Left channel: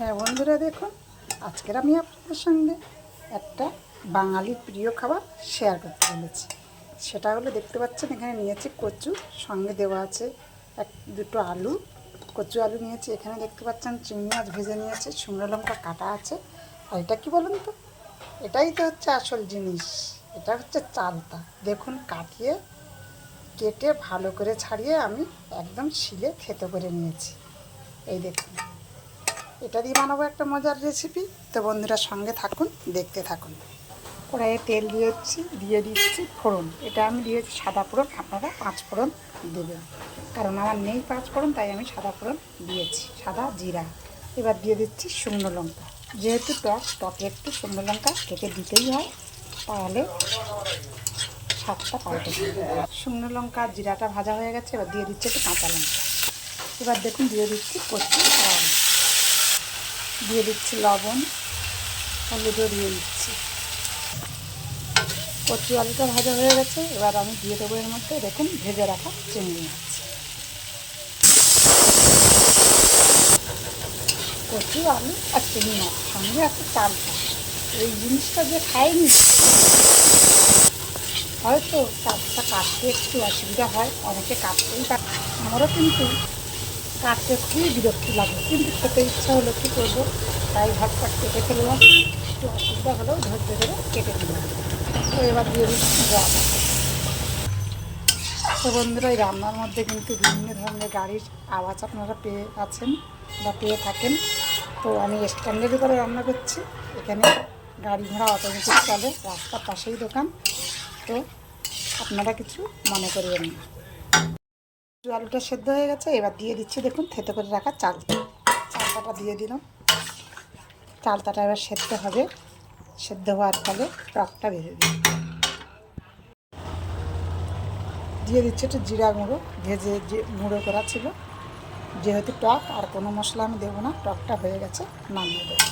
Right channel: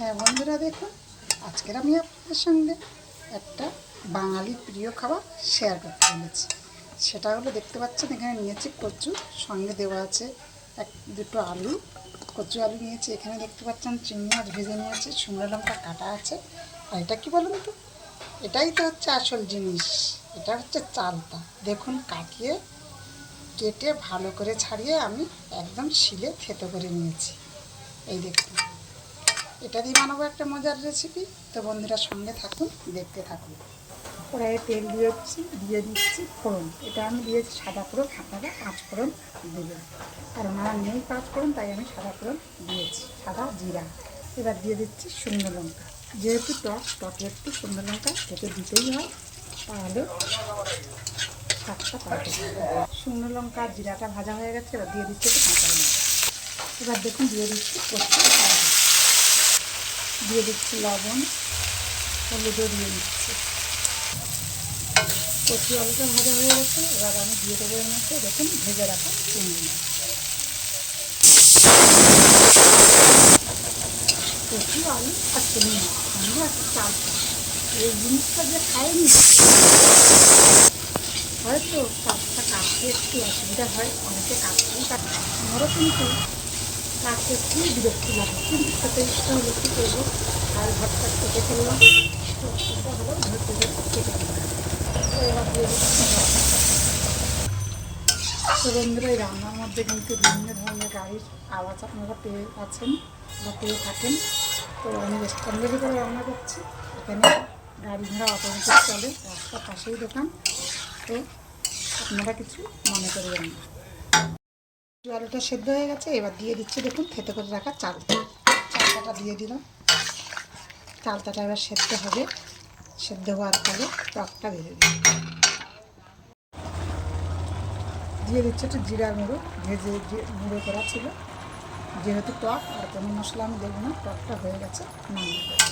হ্যাঁ বন্ধুরা দেখুন, আজকের আমি আপনাদের সঙ্গে একটা বাঙালির প্রিয় খাবার শেয়ার করতে চলেছি। সেটা হলো দেখতে পাচ্ছেন, এখানে নিয়েছি কচু, সঙ্গে দেওয়া আছে এক, দুটো আলু। কচু আলু নিয়েছি, এখানে দেখতে পাচ্ছেন চিংড়ি মাছ ভেজে নিয়েছে, শুকনো লঙ্কা কাটা আছে। আর এটা কী বলুন তো? এটাই তো হচ্ছে আসল জিনিস, এটা হচ্ছে চালতা। দেখুন, কাটিয়ে, কেটে ভালো করে ছাড়িয়ে আমি একদম শিলে থেতো করে নিয়েছি। এই দেখুন। এটা দিয়ে বানাবো একটা মজার রেসিপি তো বন্ধুরা সঙ্গে থাকুন, দেখতে থাকুন। কড়াইয়ে তেল দিয়েছি দিয়ে দিচ্ছি ফোড়ন। এটা আমি দিয়েছি সাদা ফোড়ন, আপনারা পাঁচ ফোড়ন দেবেন। কারণ আমার নেই পাঁচ ফোড়ন, তাই আমি সাদা ফোড়ন দিয়েছি, সাদা জিরা। এবার দিয়ে দিচ্ছি শুকনো লঙ্কা। যেহেতু টক, টকে একটু শুকনো লঙ্কা কেটে দিতেই হয়, তাহলে স্বাদটা পাল্টে শুকনো লঙ্কা, জিরাটা ভাজা হয়ে গেছে, এবার দিয়ে দিচ্ছি একটু কাঁচা লঙ্কা। এবার দেখুন, দিয়ে দিচ্ছি কচু। দিয়ে দিচ্ছি লবণ, হলুদও দিয়ে দিচ্ছি। কচু আলুটা ভাজা হয়ে গেছে, এবার আমি দিয়ে দেবো এর মধ্যে, দেখুন, ভেজে রাখা চিংড়ি মাছ। কচু, আলু আর চিংড়ি মাছ, সঙ্গে আছে চালটা এই জিনিসটা যে খাইনি, হয়তো চালটা কাটতে একটু অসুবিধা হয়, অনেকে কাটতেই পারে। আমারও কিন্তু কাটতে খুবই বিরক্তি লাগে। কিন্তু খেতে ইচ্ছা হলে কী করব? তাই ভাতটা কেটে ফেললাম। একটু অসুবিধা হলেও ধৈর্য ধরে কেটে নিলাম। তো এবার দিয়ে দিচ্ছি তো বন্ধুরা, এই রান্নার মধ্যে কিন্তু বিভিন্ন ধরনের গাড়ির আওয়াজ আপনারা পেয়ে আছেন বা পেয়ে থাকেন। তো আমি স্ট্যান্ডার্ডি করে রান্না করছি। এখানে গাড়ি ঘোড়া অটোমেটিক চলে, রাস্তার পাশেই দোকান। তো আপনারা কিছু মনে করবেন না। আলুটা সেদ্ধ হয়ে গেছে, এবার দিয়ে দিচ্ছি দেখুন, থেতে করে রাখা চাল। চালটাটা দিয়ে দিলাম। চালটাটা এবার সেদ্ধ হবে। সেদ্ধ হওয়ার ফলে টকটা বেরোবে। দিয়ে দিচ্ছি একটু জিরা গুঁড়ো, ভেজে যে গুঁড়ো করা ছিল। যেহেতু টক, আর কোনো মশলা আমি দেবো না, টকটা হয়ে গেছে, নামিয়ে দেবো।